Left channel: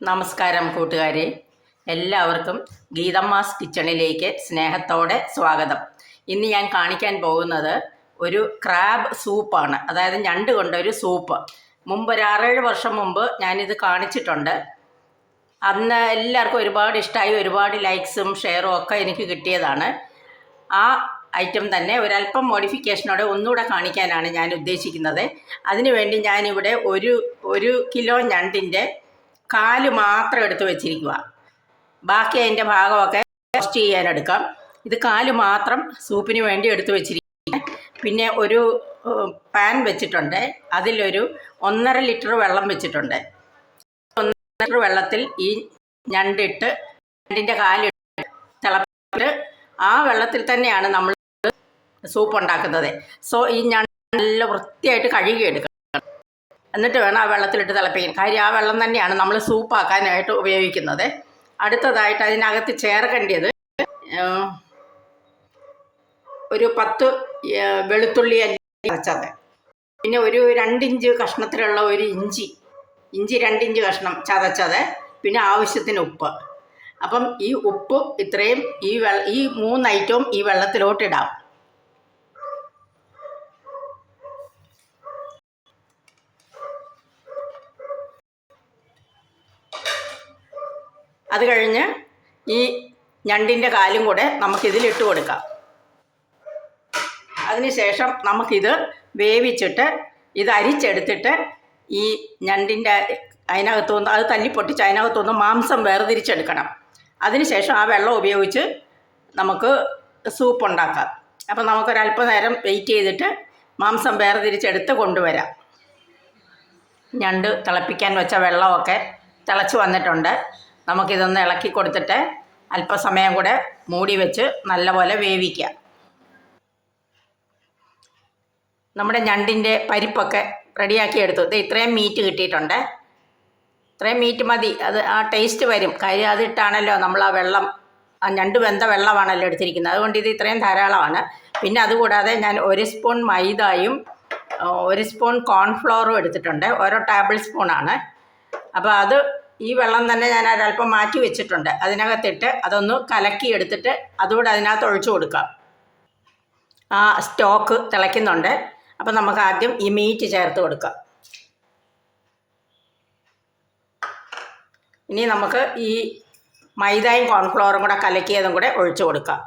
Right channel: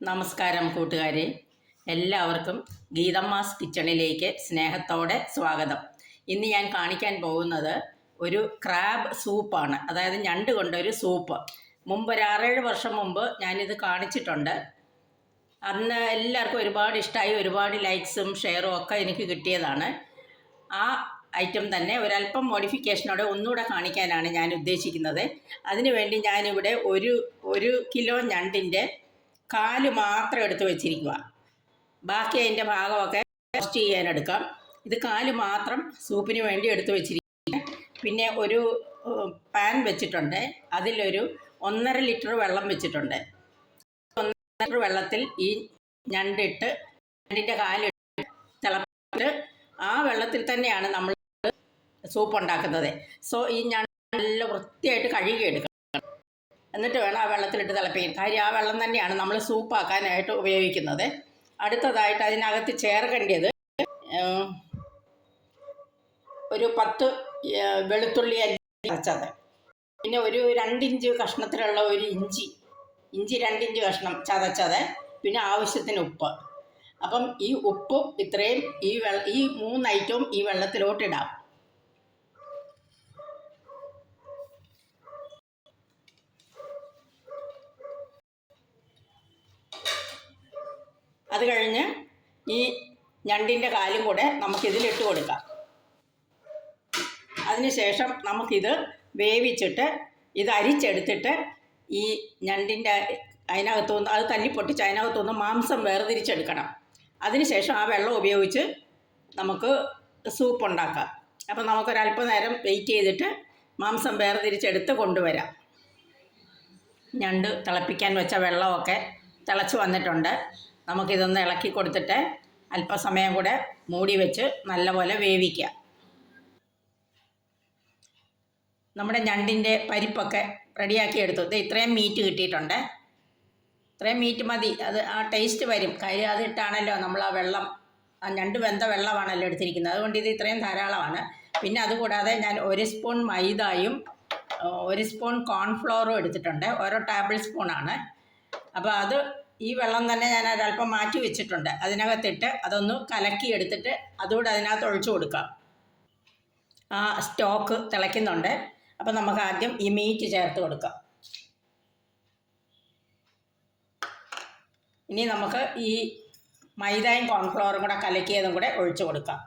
നമസ്കാരം കൂട്ടുകാരെ, എല്ലാവർക്കും ഗീതമ്മാസ് കിച്ചണിലേക്ക് സ്നേഹത്തോടെ സ്വാഗതം. ഇന്ന് ഞാൻ കാണിക്കാൻ പോകുന്നത് ഒരു ക്രാബ് സൂപ്പാണ്, അതായത് ഞണ്ട് കൊണ്ടൊരു സൂപ്പ്. മുമ്പ് ഒരു 6-7 വർഷം മുമ്പ് ഞാനിത് കാണിച്ചിട്ടുണ്ട്. അന്ന് എല്ലാവർക്കും ഒരുപാട് ഇഷ്ടമായി, ഒരുപാട് ലൈക്സും ഷെയറും ഒക്കെ എനിക്ക് കിട്ടിയതാണ്. ആ ഐറ്റം തന്നെ ഒരല്പം മോഡിഫിക്കേഷനോടെ ഒന്നുകൂടെ കാണിക്കാനാണ് ഞാൻ ഉദ്ദേശിക്കുന്നത്. അതിനുവേണ്ടി ഞാനിവിടെ ഒരു കിലോ ഞണ്ടിൻ്റെ കാല് മാത്രം എടുത്ത് വെച്ചിരിക്കുക. ബാക്കി അതിൻ്റെ ഭാഗമൊക്കെ റോസ്റ്റ് ചെയ്യാനെടുക്കാം. ഇത് കാല് മാത്രം സൂപ്പിന് വേണ്ടി എടുത്ത് വെച്ചിരിക്കുക. പിന്നെ ഒരു പാൻ വെച്ചിട്ടുണ്ട്, അതിലൊരു 1.5 ലിറ്റർ വെള്ളം വെച്ചിട്ടുണ്ട്. 1.5 ലിറ്റർ വെള്ളത്തിൽ ഈ ഞണ്ടിൻ്റെ കാലിട്ട് തിളപ്പിച്ചിട്ട് ആ വെള്ളത്തിൽ തന്നെയാണ് നമ്മൾ സൂപ്പ് ഉണ്ടാക്കുന്നത്. സോ ഈ ഞണ്ട് നല്ല വൃത്തിയായിട്ട് കഴുകിയെടുക്കണം. എന്നിട്ട് വേണം ആ വെള്ളത്തിലിട്ട് തിളപ്പിക്കാൻ. കാര്യം ആ വെള്ളം തന്നെയാണ് നമ്മൾ സൂപ്പാക്കാനായിട്ട് ഉപയോഗിക്കുന്നത്. അടുത്തതായിട്ട് അതിനകത്ത് ചേർക്കേണ്ടത് ഒരു 10 വെളുത്തുള്ളി അല്ലി ചതച്ചത്, പിന്നെ ഒരു 2 ഇഞ്ച് കഷ്ണത്തിലുള്ള ഒരു ഇഞ്ചി 2 ഇഞ്ച് കഷ്ണം ചതച്ചത്, പിന്നെ ആവശ്യത്തിന് ഉപ്പ്. അപ്പം ഈ ഉപ്പ് ഇത്രയും ഈ 3 ഐറ്റവും ഈ വെള്ളത്തിലോട്ടിടാം. അത് കഴിഞ്ഞ് ഈ ഞണ്ടിൻ്റെ കാലും കൂടെ നമുക്കിതിലിട്ട് കൊടുക്കാം. അതിനുശേഷം നമുക്കിത് വേവിച്ചിട്ട് ഇത് അരിച്ചെടുത്തിട്ട് ഈ ഞണ്ടിൻ്റെ അതിനകത്തുനിന്ന് അത് തല്ലിപ്പൊട്ടിച്ച് അതിനകത്തുനിന്ന് മാംസം വേർതിരിച്ചെടുക്കണം. അതിനുശേഷം ആ വെള്ളം ഉപയോഗിച്ച് നമുക്ക് സൂപ്പ് ഉണ്ടാക്കാം. അപ്പോൾ നമുക്കൊരല്പനേരം വെയിറ്റ് ചെയ്തിട്ട് മാംസം വേർതിരിച്ചെടുത്ത് കൊണ്ടുവരാം. ഞണ്ട് തിളപ്പിക്കാൻ വെച്ച വെള്ളമൊക്കെ തിളച്ച് വന്നിട്ടുണ്ട്. നമുക്കിതൊന്ന് ഇളക്കി കൊടുത്തിട്ട് അല്പസമയം കൂടെ മൂടി വെച്ച് നല്ലപോലെ വേവിക്കുക. നമ്മുടെ ഞണ്ടിൻ്റെ പരിപ്പൊക്കെ റെഡിയാക്കി എടുത്തു. ഇത്രയും മീറ്റ് കിട്ടിയിട്ടുണ്ട്. ഇത്രയും മീറ്റ് മതി, അത് ആ ടേസ്റ്റ് വരും. കാര്യം അതിട്ടാണല്ലോ നമ്മൾ ആ ഞണ്ട് വെന്ത വെള്ളമാണല്ലോ എടുത്തിരിക്കുന്നത്. അതുകൊണ്ട് ഇത് ഇത്രയും ധാരാളമാണ്. പിന്നെ അതുകൂടാതെ ഞാൻ 1 സ്പൂൺ മൈദയും 1 സ്പൂൺ കോൺഫ്ലോറും എടുത്തിട്ടുണ്ട്. ഓരോ ടേബിൾ സ്പൂണാണ്. അപ്പോൾ അത് ഈ വെള്ളം തന്നെ ഞാൻ ഒരല്പം മാറ്റി വെച്ചിട്ടുണ്ട്. അതിനകത്തിട്ട് അതൊന്ന് കലക്കി എടുത്തിട്ട് അതുകൂടെ അതിനകത്ത് ഒഴിച്ചു കൊടുക്കാം. ആ സ്റ്റോക്ക് തിളയ്ക്കുന്നുണ്ട്. അപ്പോൾ നമുക്ക് ആദ്യം ഈ മീറ്റ് ചേർത്ത് കൊടുക്കാം. ഇനി നമുക്ക് ഈ മൈദയും കോൺഫ്ലവറും കൂടെ കലക്കിയതും കൂടെ ഒഴിച്ചു കൊടുക്കാം.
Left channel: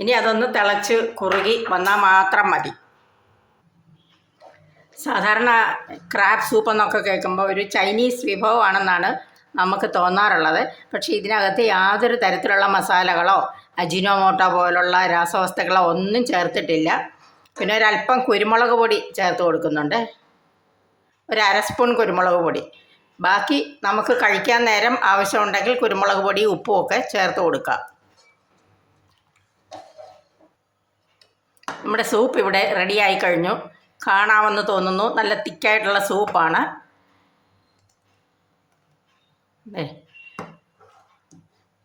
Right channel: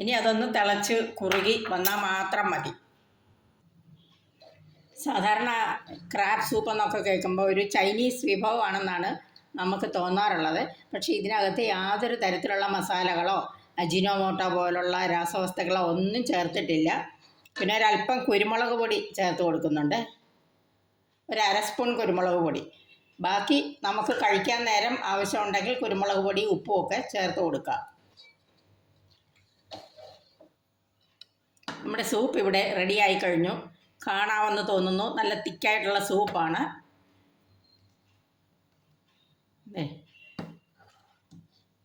ഇനി അതൊന്ന് തിളച്ച് കുറുകി വന്നാൽ മാത്രം മതി. സാധാരണ ക്രാബ് സൂപ്പ് എന്നൊക്കെ കേൾക്കുമ്പോൾ ഒരു ചൈനീസ് വിഭവമാണെന്നാണ് നമുക്ക് തോന്നാറുള്ളത്. പക്ഷേ ഇതിനകത്ത് യാതൊരു തരത്തിലുള്ള മസാലകളോ അജിനോമോട്ടോ പോലുള്ള രാസവസ്തുക്കളോ ഒന്നും ചേർത്തിട്ടില്ല. പിന്നെ ഒരല്പം കുരുമുളക് പൊടി ചേർത്ത് കൊടുക്കുന്നുണ്ട്, ഒരു 1/2 സ്പൂൺ കുരുമുളക് പൊടി. ബാക്കി നമുക്ക് കഴിക്കാൻ നേരം ആവശ്യമുണ്ടെങ്കിൽ കുരുമുളക് പൊടി ഉപ്പും ഒക്കെ ചേർത്ത് കൊടുക്കാം. നമ്മുടെ സൂപ്പ് ഇവിടെ റെഡിയായി കഴിഞ്ഞു. കാണാമെന്ന് തോന്നുന്നു. നല്ല തിക്കായിട്ടുള്ള സൂപ്പാണ്.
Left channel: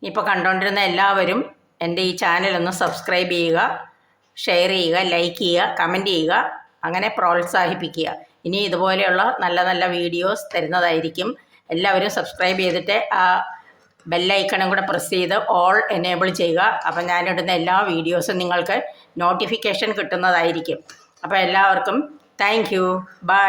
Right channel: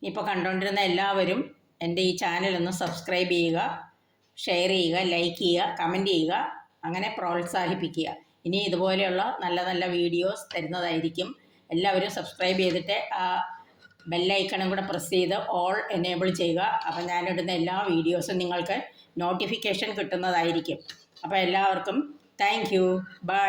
ഇപ്പോൾ കണ്ടുകൊണ്ടിരുന്ന എല്ലാവരും എൻ്റെ ഈ ചാനലൊന്ന് സബ്സ്ക്രൈബ് ചെയ്യുക, ഷെയർ ചെയ്യുക, ലൈക്ക് ചെയ്യുക, കമൻറ്റ് ചെയ്യുക, അങ്ങനെ പ്രോത്സാഹിപ്പിക്കുക. ഇനി ഇതുപോലെയുള്ള നല്ല നല്ല വീഡിയോസ് തരുന്നതായിരിക്കും. എല്ലാവരും സബ്സ്ക്രൈബ് ചെയ്തിട്ട് ആ ബെല്ലൈക്കണും കൂടെ പ്രസ് ചെയ്ത് ഓൾ എനേബിൾ ചെയ്യുക. അപ്പോൾ ഞാനിടുന്ന എല്ലാ വീഡിയോസും നിങ്ങൾക്ക് നോട്ടിഫിക്കേഷൻ കിട്ടുന്നതായിരിക്കും. അപ്പോൾ എല്ലാവർക്കും താങ്ക് യു. ബൈ.